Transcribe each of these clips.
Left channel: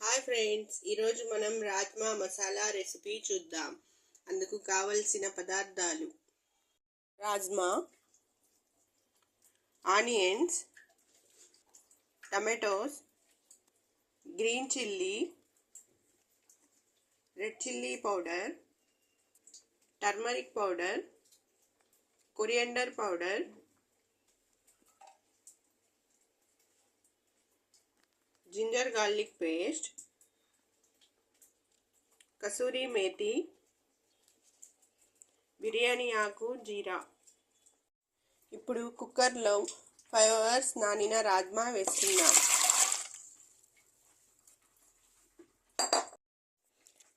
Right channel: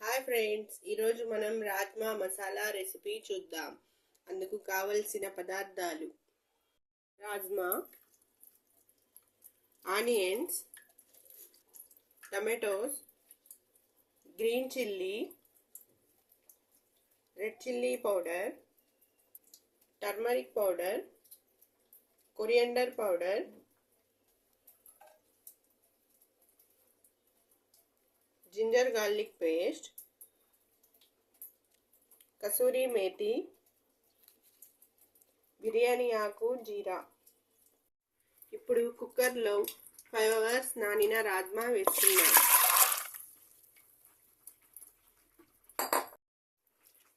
Hi friends, ఈరోజు మనం rajma masala recipe చూద్దాం. అందుకు కావలసిన పదార్థాలు: rajma, onions, tomatoes, green chilli, red chilli powder, turmeric powder, coriander powder, ginger garlic paste, kasuri methi, biryani ఆకు, జీరా. ఇప్పుడు కుక్కర్లో 5 hours నానిన రాజ్మా వేసుకుందాం.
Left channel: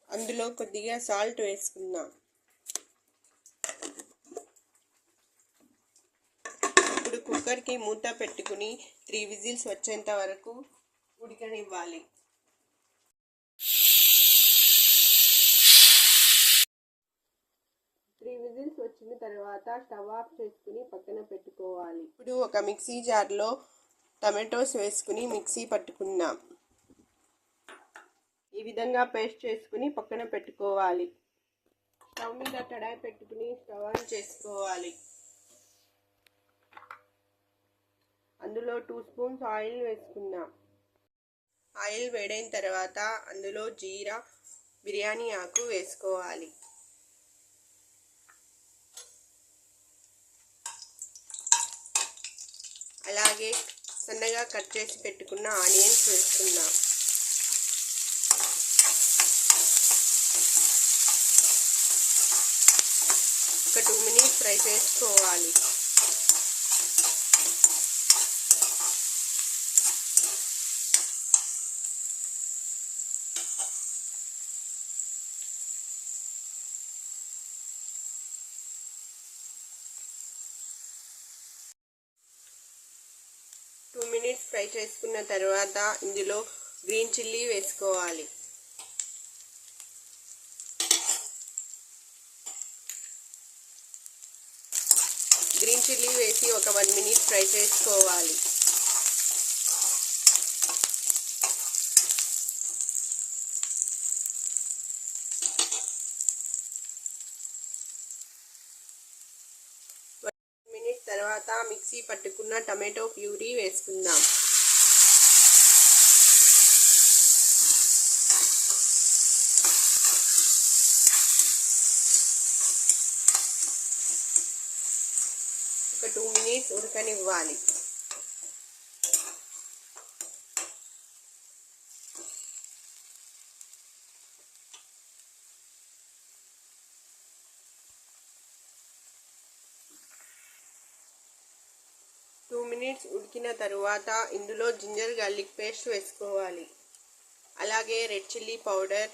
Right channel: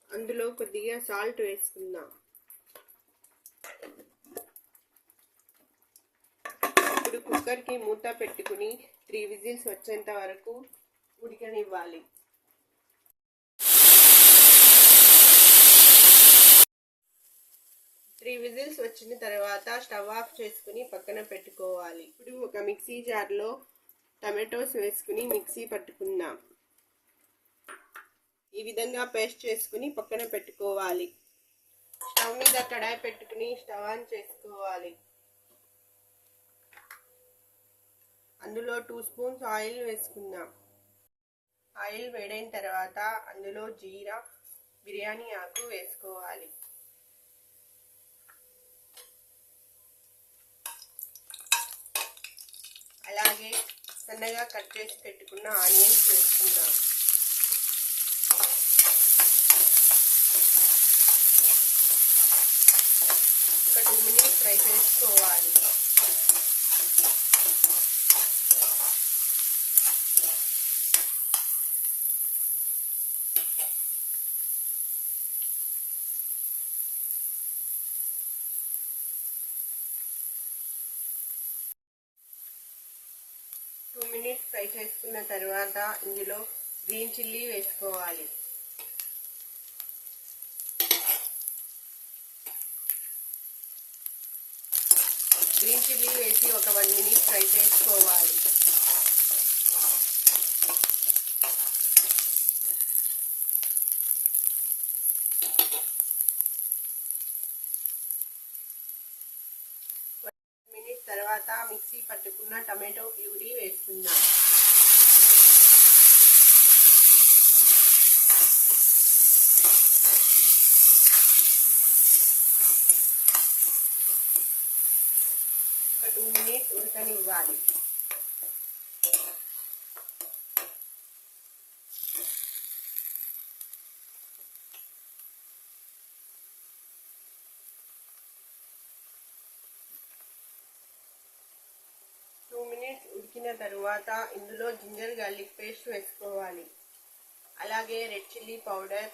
అందులో కొద్దిగా సాల్ట్ వేసుకుందాం. ఇప్పుడు కుక్కర్కి మూత పెట్టుకుని 3 విజిల్స్ వచ్చేంత వరకు ఉడకనివ్వాలి. 3 విజిల్స్ వచ్చిన తర్వాత స్టవ్ ఆఫ్ చేసుకుని పక్కన పెట్టుకోవాలి. ఇప్పుడు ఒక మిక్సీ జార్లో టమాటోస్ వేసుకుని మిక్సీ పట్టుకుందాం. ఈ విధంగా పేస్ట్ చేసుకుని పక్కన పెట్టుకోవాలి. స్టవ్ మీద కడాయి పెట్టుకుని స్టవ్ ఆన్ చేసుకోవాలి. అందులో 2 స్పూన్స్ ఆయిల్ వేసుకుందాం. ఆయిల్ వేడైన తర్వాత అందులో జీరా, బిర్యానీ ఆకు వేసుకోవాలి. అలాగే సన్నగా కట్ చేసి పెట్టుకున్న ఆనియన్స్ వేసుకుందాం. ఒక 2 minutes ఫ్రై చేసుకోవాలి. ఫ్రై చేసుకున్న తర్వాత ఇందులో గ్రీన్ చిల్లీ వేసుకోవాలి. గ్రీన్ చిల్లీ వేసి ఒక 1 minute ఫ్రై చేసుకోవాలి. తర్వాత మిక్సీ పట్టుకున్న టమాటో ప్యూరీ వేసుకుందాం. ఒక 2 minutes ఉడకనివ్వాలి. ఉడికిన తరువాత ఇందులో జింజర్ గార్లిక్ పేస్ట్ వేసుకోవాలి. అలాగే red chilli powder,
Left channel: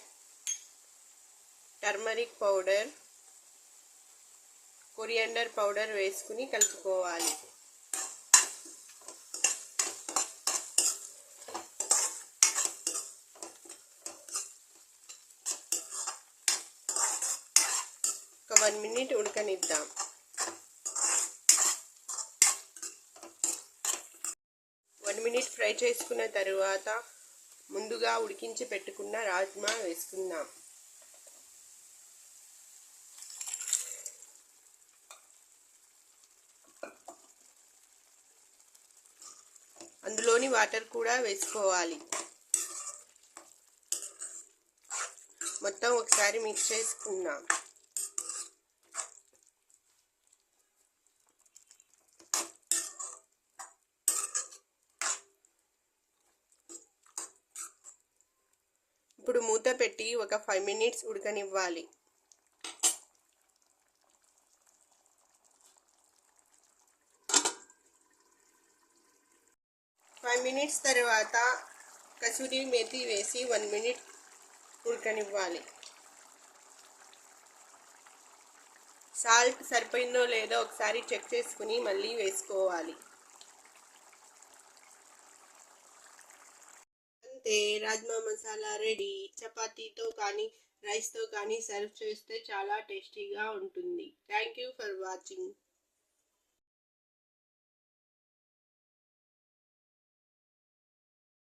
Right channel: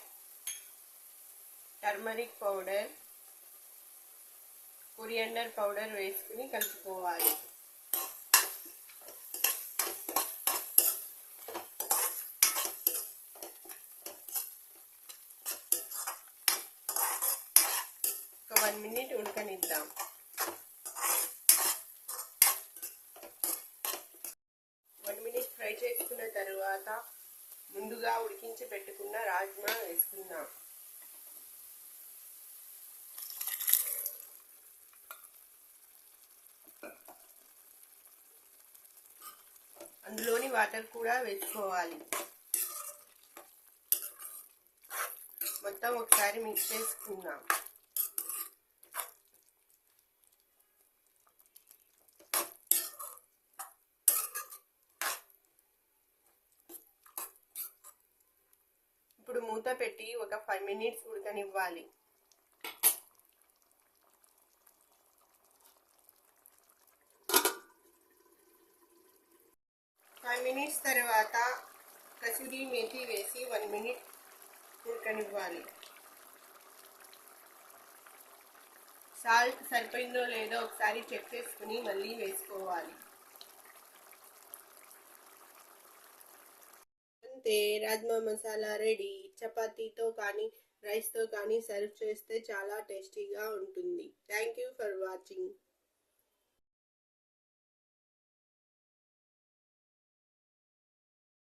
turmeric powder, coriander powder వేసుకుని కలుపుకోవాలి. ఒక 1 minute ఉడకనిద్దాం. ఫ్రై చేసుకున్న తరువాత ముందుగా ఉడికించి పెట్టుకున్న రాజ్మా వేసుకుందాం. అందులోని వాటర్ కూడా వేసుకోవాలి. మొత్తం ఒకసారి మిక్స్ చేసుకుందాం. ఇప్పుడు మూత పెట్టి ఒక 5 minutes ఉడకనివ్వాలి. 5 minutes తర్వాత కసూరి మేతి వేసి 1 minute ఉడకనివ్వాలి. సాల్ట్ సరిపోయిందో లేదో ఒకసారి చెక్ చేసుకుని మళ్ళీ వేసుకోవాలి. అంతే, రాజ్మా మసాలా రెడీ. చపాతీతో కానీ రైస్తో కానీ సర్వ్ చేస్తే చాలా టేస్టీగా ఉంటుంది. Thank you for watching.